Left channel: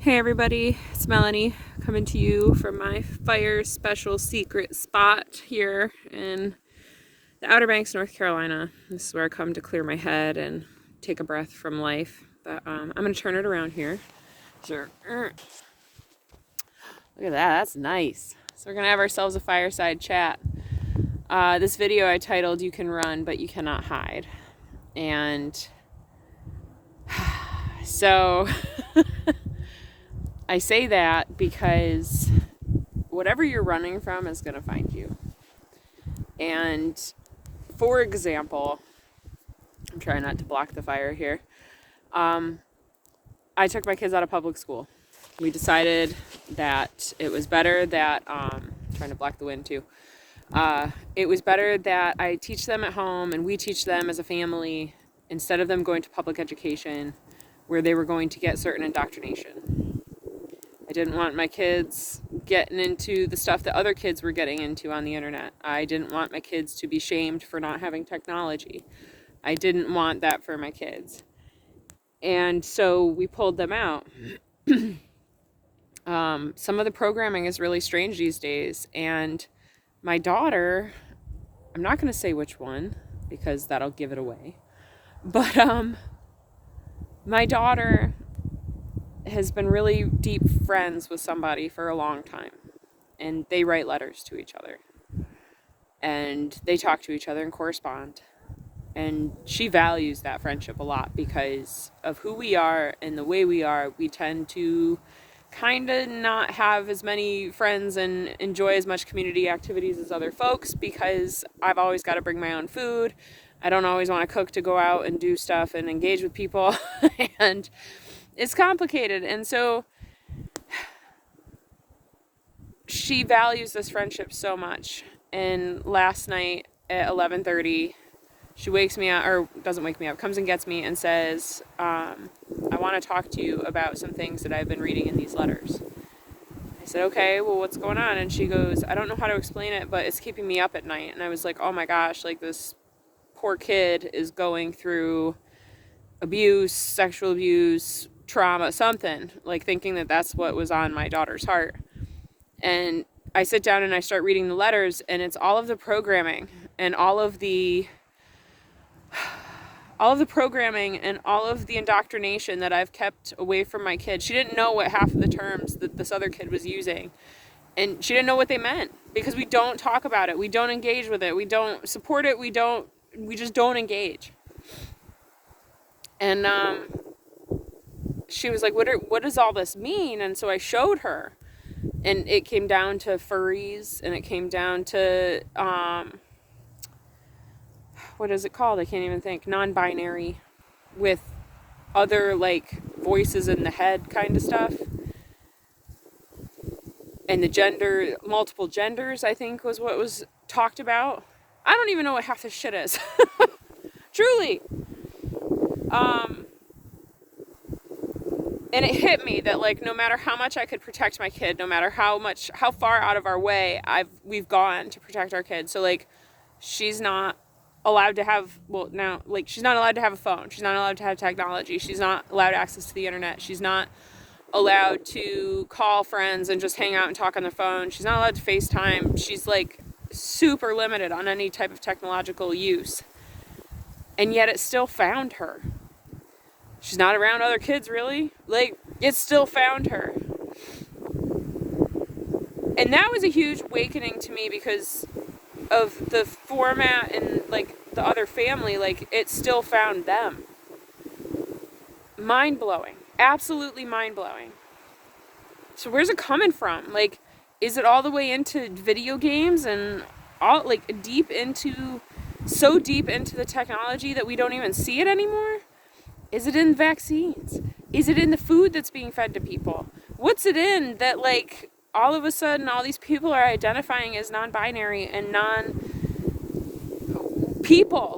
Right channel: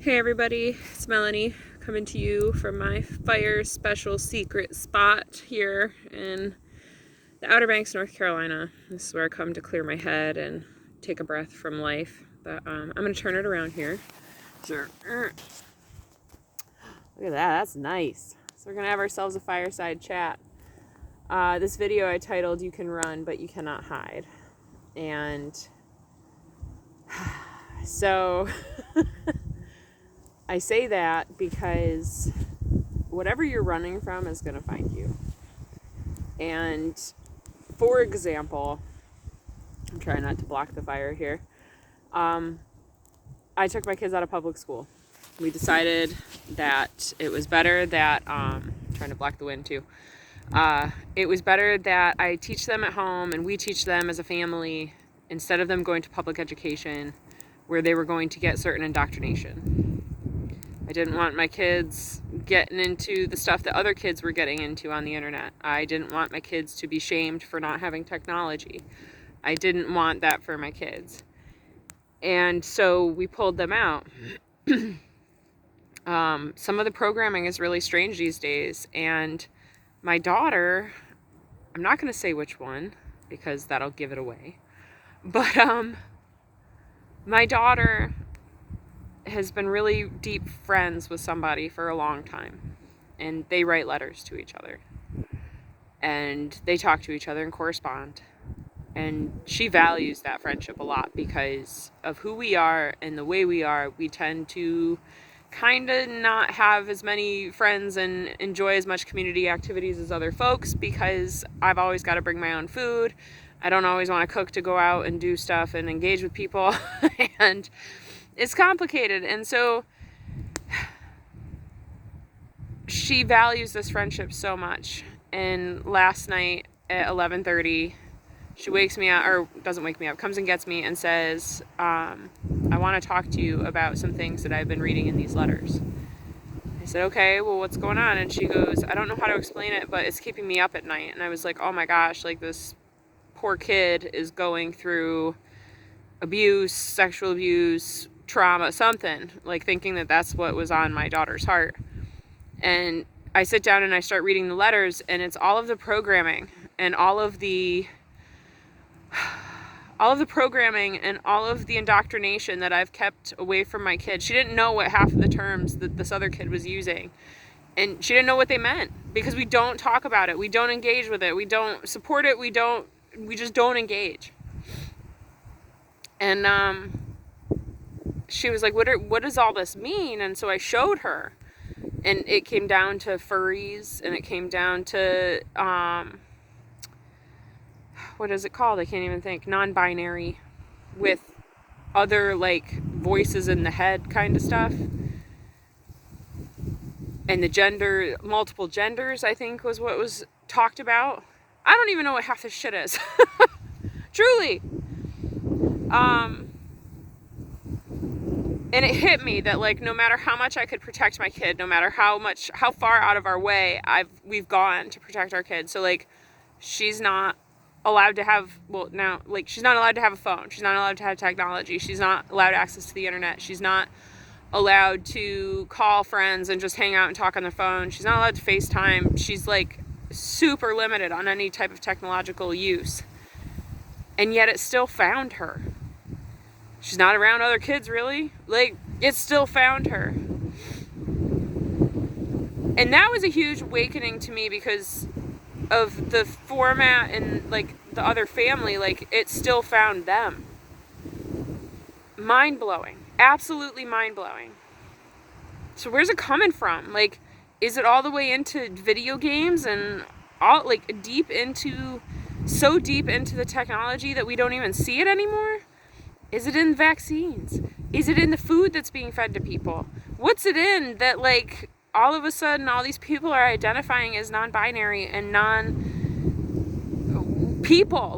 Hey everybody, it's Melanie coming to you from my fire special secret spot here in the Outer Banks, North Carolina. This is where I come to clear my head and take a breath from life. But I'm going to turn it around here. Look at that, that's nice. So we're going to have ourselves a fireside chat. This video I titled, "You Can Run, But You Cannot Hide." And so I say that because whatever you're running from is going to find you. And for example, I'm trying not to block the fire here. I took my kids out of public school. We decided that it was better that, trying to block the wind too. It was better that I teach them at home and we teach them as a family instead of them going to public education where they were going to get certain indoctrination. I didn't want my kids getting into the stuff that other kids were getting into on the internet. I didn't want my kids to be shamed for not having technology. I didn't want that for my kids. And so we pulled them out. Some of the programming is really strange these days. And my daughter, I'm not going to say which one because that'll give it away. But my daughter has been really deep friends with somebody for a long time, and they write letters to each other and they talk to each other and correspond, and she values that friendship a lot because of who we are and the way we are. We tend to kind of not have as many friends and enjoy as much community activities as other folks because I've always got to bring my own food. I don't always want to cook to go out and do stuff and engage with people and it's complicated. And so she values this friendship so much. And last night at 11:30, she wakes me up, or doesn't wake me up, comes and gets me and says, I want to talk to you about some things that I've been reading in these letters. I said, okay, well, what's going on? And she goes, I don't know how to explain it, but it's keeping me up at night. And I was like, oh my gosh, like this poor kid is going through abuse, sexual abuse, trauma, something, like thinking that that's what was on my daughter's heart. And I sit down and I start reading the letters, and it's all of the programming and all of the programming and all of the indoctrination that I've kept away from my kid. She didn't know what half of the terms that this other kid was using, and she didn't know what they meant because we don't talk about it, we don't engage with it, we don't support it, we just don't engage. And she was like, what does all this mean? And so I showed her, and it came down to furries, and it came down to, what is it called? I can't even think. Non-binary with other, like, voices in the head kind of stuff. And the gender, multiple genders, I think was what was talked about. I don't even know what half this shit is. Truly. And it hit me that, like, no matter how much I could protect my kid, no matter how far out of our way we've gone to protect our kid. So, like, she's not allowed to have, she's not allowed to have a phone. She's not allowed to have technology. She's not allowed access to the internet. She's not allowed to call friends and just hang out and talk on the phone. She's not allowed to FaceTime. She's, like, super limited on any type of technological use. And yet it still found her. She's not around other kids, really. Like, it still found her. And that was a huge awakening to me because of the format and, like, the other family. Like, it still found them. Mind-blowing. Absolutely mind-blowing. So where's it coming from? Like, is it all the way into video games and all, like, so deep into the technology that we don't even see it anymore? Is it in vaccines? Is it in the food that's being fed to people? What's it in that, like, all of a sudden all these people are identifying as non-binary and non-people?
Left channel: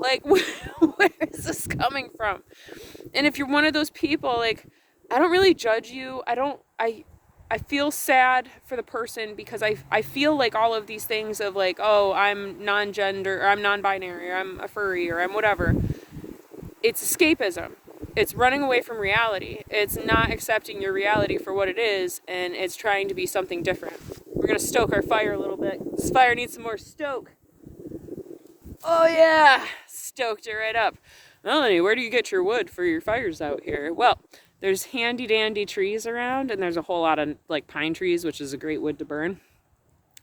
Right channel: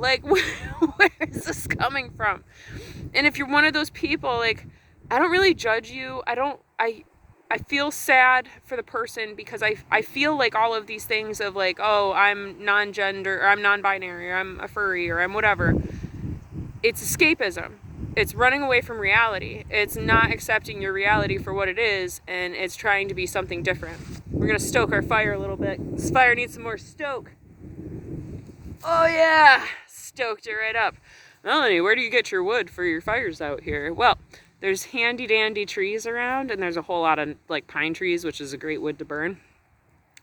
Like, where is this coming from? And if you're one of those people, like, I don't really judge you. I feel sad for the person because I feel like all of these things of, like, oh, I'm non-gender, or I'm non-binary, or I'm a furry, or I'm whatever. It's escapism. it's running away from reality. It's not accepting your reality for what it is, and it's trying to be something different. We're going to stoke our fire a little bit. This fire needs some more stoke. Oh yeah, stoked it right up. Melanie, where do you get your wood for your fires out here? Well, there's handy dandy trees around, and there's a whole lot of like pine trees, which is a great wood to burn.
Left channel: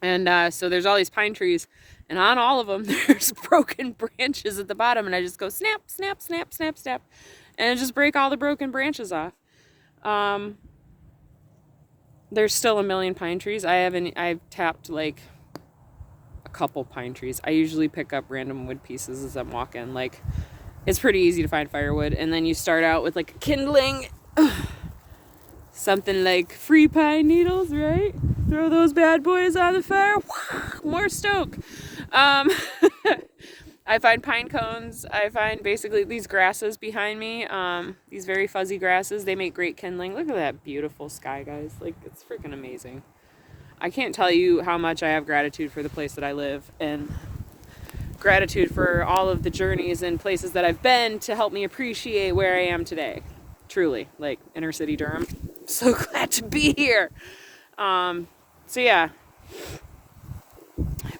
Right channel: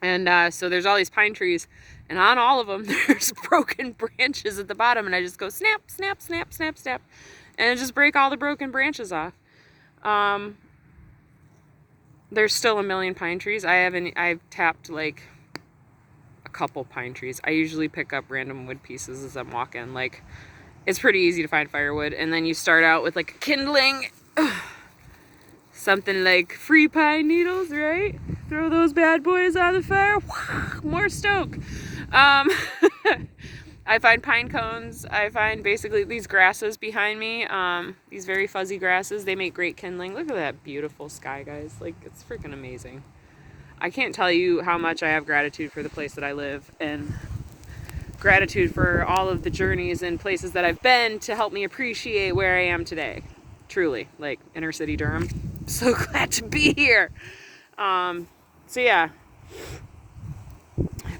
And so there's all these pine trees, and on all of them there's broken branches at the bottom, and I just go snap, snap, snap, snap, snap, and I just break all the broken branches off. There's still a million pine trees. I've tapped like a couple pine trees. I usually pick up random wood pieces as I'm walking. Like, it's pretty easy to find firewood, and then you start out with like a kindling, something like free pine needles, right? Throw those bad boys on the fire. More stoke. I find pine cones. I find basically these grasses behind me. These very fuzzy grasses. They make great kindling. Look at that beautiful sky, guys. Like, it's freaking amazing. I can't tell you how much I have gratitude for the place that I live, and gratitude for all of the journeys and places that I've been to help me appreciate where I am today. Truly, like inner city Durham. So glad to be here. So yeah,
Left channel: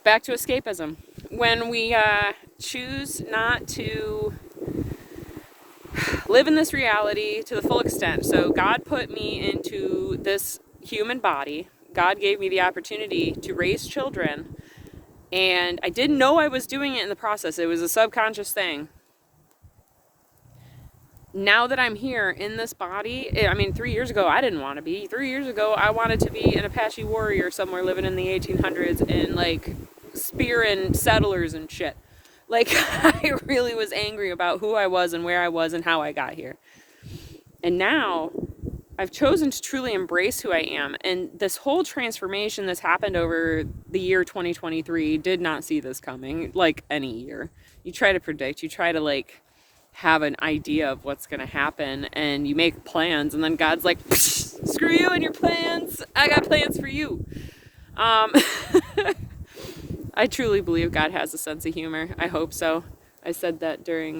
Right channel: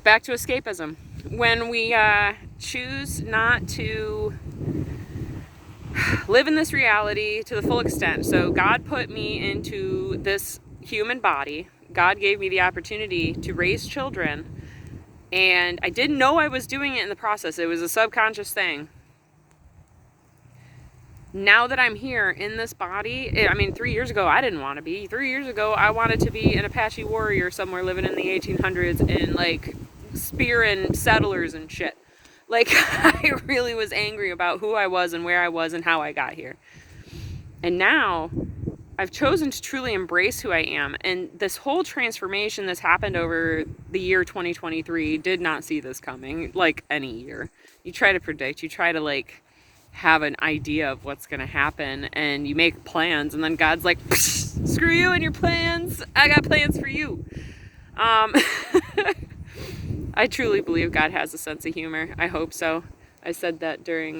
back to escapism. When we choose not to live in this reality to the full extent. So God put me into this human body. God gave me the opportunity to raise children, and I didn't know I was doing it in the process. It was a subconscious thing. Now that I'm here in this body, I mean, 3 years ago, I didn't want to be. 3 years ago, I wanted to be an Apache warrior somewhere living in the 1800s and, like, spearing settlers and shit. Like, I really was angry about who I was and where I was and how I got here. And now, I've chosen to truly embrace who I am. And this whole transformation that's happened over the year 2023 did not see this coming, like any year. You try to predict, you try to, like, have an idea of what's going to happen, and you make plans, and then God's like, screw you and your plans, I got plans for you. I truly believe God has a sense of humor. I hope so. I said that during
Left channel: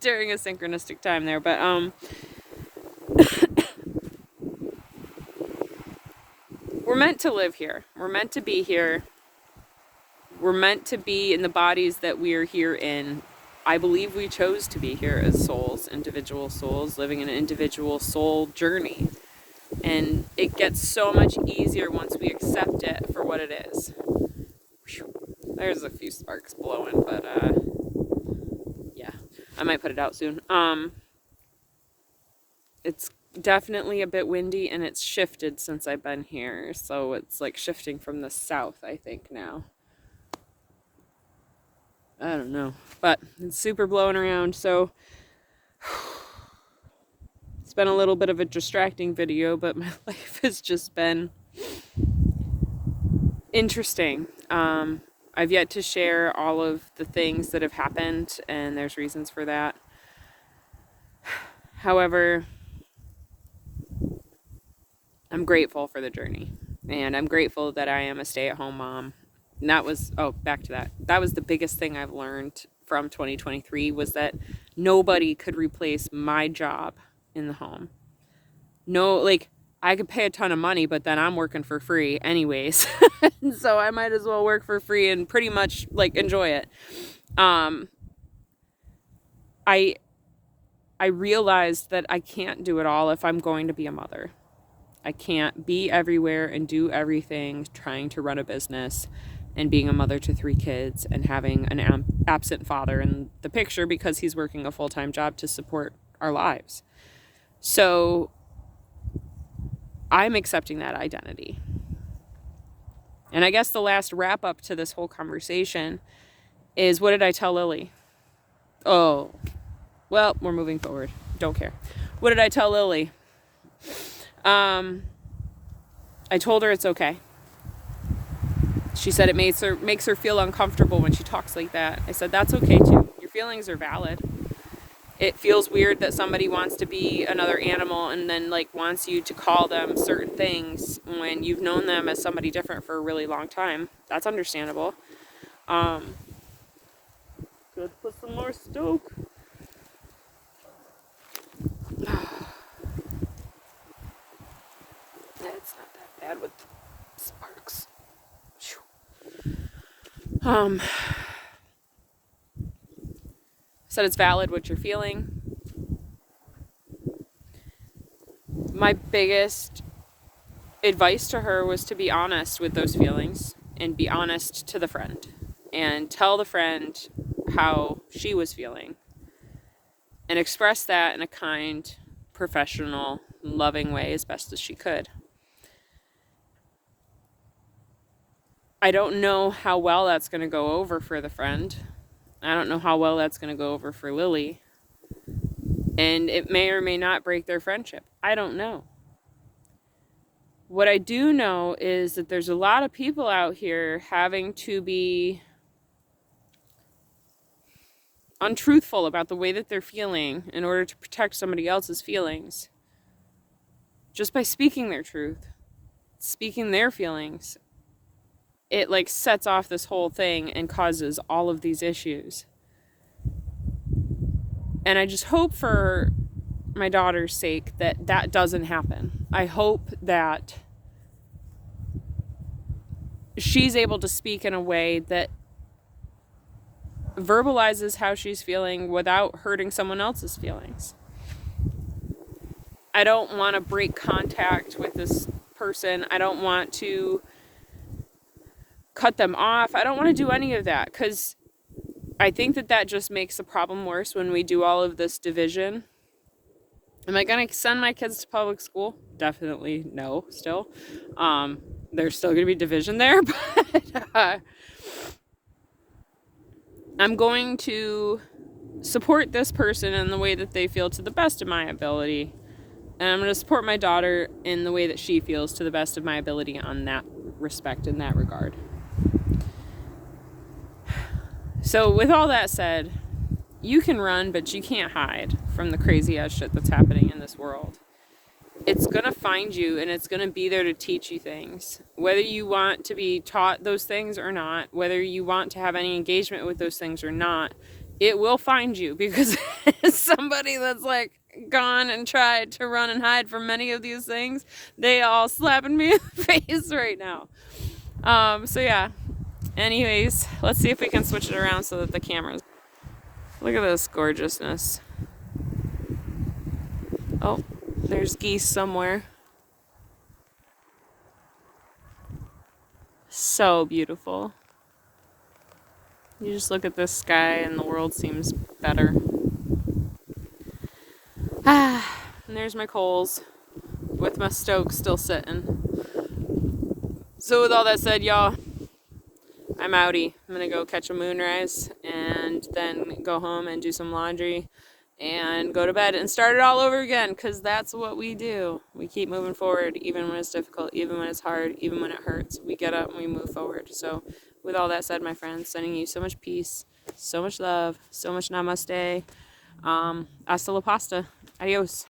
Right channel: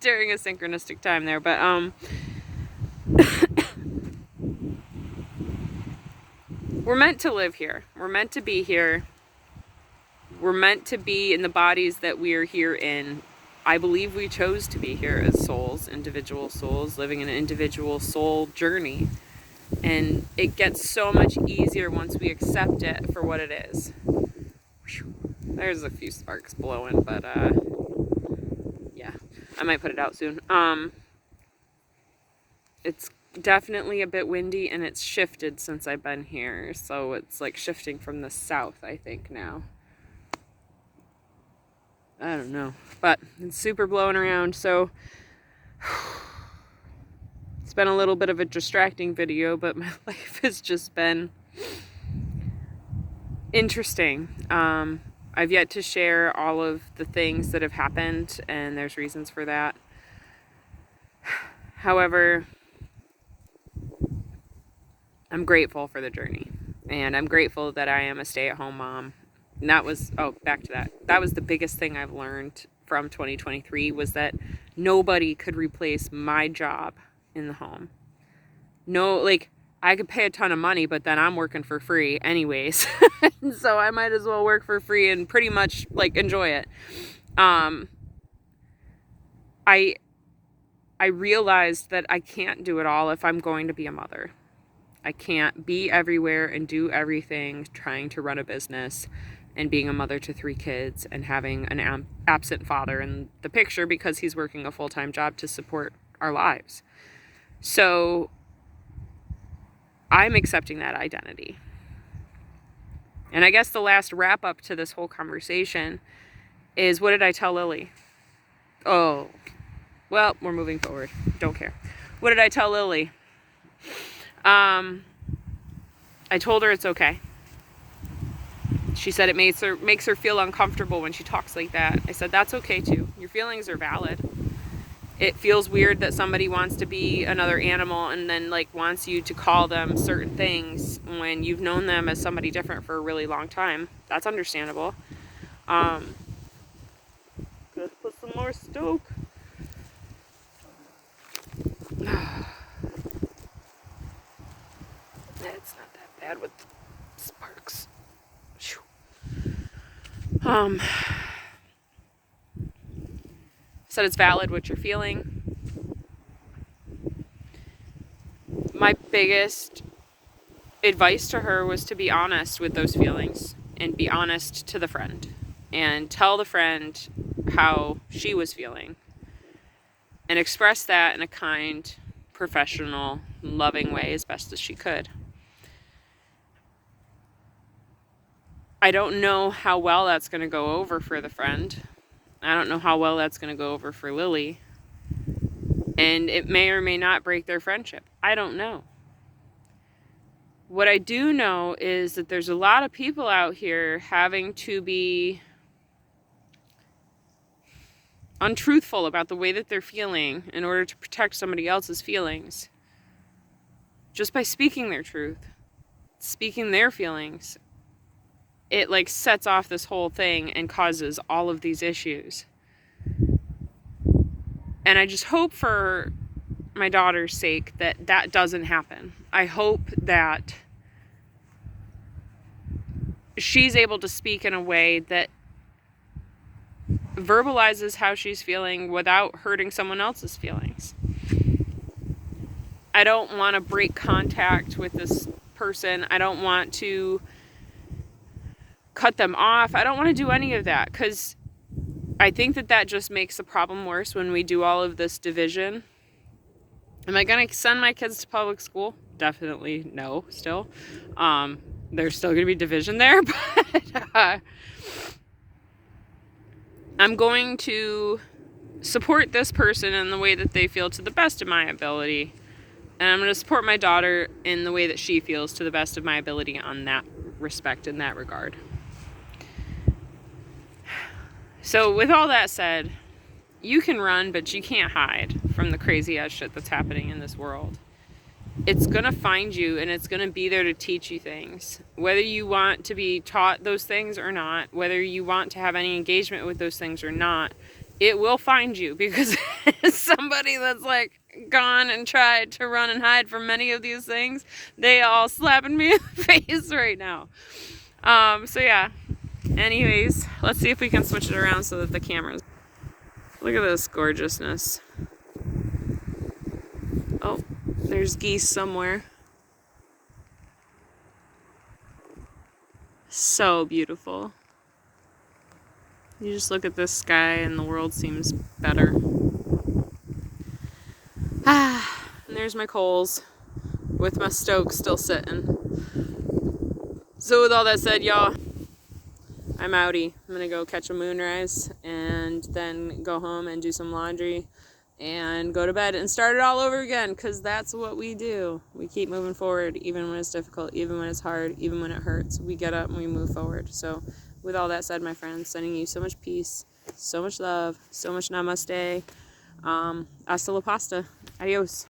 during a synchronistic time there, but we're meant to live here. We're meant to be here. We're meant to be in the bodies that we are here in. I believe we chose to be here as souls, individual souls, living an individual soul journey. And it gets so much easier once we accept it for what it is. There's a few sparks blowing, but yeah, I might put it out soon. It's definitely a bit windy, and it's shifted since I've been here. So it's like shifting from the south, I think, now. I don't know, but it's super blowing around, so it's been a little bit of a distracting video, but my life has just been interesting. I've yet to share all of the things that have happened, and there's reasons for that. However, I'm grateful for the journey, and I'm grateful that I am a stay-at-home mom. And that was, back to that. That was the biggest thing I've learned from 2023, was that nobody could replace my job in the home. No, like, I could pay a ton of money, but then I'm working for free anyways. So I might as well work for free and pretty much, like, enjoy it. I realized that I can't do it all if I'm going to be a mother. I can't be everywhere and do everything trying to run a business and being a mother to 3 kids and having an absent father in the picture because he's working a full-time job to support our lives. So I'm accepting that identity. And I guess the last wrap up to this whole conversation is, what did I tell Lily? Oh, well, we're moving forward. Don't care. What did I tell Lily? I told her it's okay. She said it makes her feel uncomfortable when she talks like that. I said, that's okay too. Your feelings are valid. It feels weird that somebody wants to be another animal and then, like, wants you to call them certain things when you've known them as somebody different for a really long time. That's understandable. Good, put some more stoke. Um, said it's valid what you're feeling. My biggest advice to her was to be honest with those feelings and be honest to the friend and tell the friend how she was feeling and express that in a kind, professional, loving way as best as she could. I don't know how well that's going to go over for the friend. I don't know how well that's going to go over for Lily. And it may or may not break their friendship. I don't know. What I do know is that there's a lot of people out here having to be untruthful about the way that they're feeling in order to protect somebody else's feelings. Just by speaking their truth, speaking their feelings, it like sets off this whole thing and causes all of these issues. And I just hope for my daughter's sake that that doesn't happen. I hope that she's able to speak in a way that verbalizes how she's feeling without hurting someone else's feelings. I don't want to break contact with this person. I don't want to cut them off. I don't want to do any of that, because I think that that just makes the problem worse when we do all of this division. Am I going to send my kids to public school? Definitely no, still. There's still going to be division there, but I'm going to support this person in the way that they feel to the best of my ability. And I'm going to support my daughter in the way that she feels to the best of my ability on that respect, in that regard. So with all that said, you can run, but you can't hide from the crazy ass shit that's happening in this world. It's going to find you, and it's going to be there to teach you things. Whether you want to be taught those things or not, whether you want to have any engagement with those things or not, it will find you, because somebody that's like gone and tried to run and hide from many of these things, they all slapping me in the face right now. So yeah. Anyways, let's see if we can switch it around so that the cameras... Look at this gorgeousness. Oh, there's geese somewhere. So beautiful. You just look at this sky and the world seems better. And there's my coals with my stove still sitting. So with all that said, y'all, I'm outie. I'm gonna go catch a moonrise and then go home and do some laundry and go to bed and start it all over again, because that's what we do. We keep moving forward, even when it's difficult, even when it's hard, even when it hurts. We get up and we move forward. So with all that said, my friends, sending you so much peace, so much love, so much namaste. Hasta la pasta. Adios.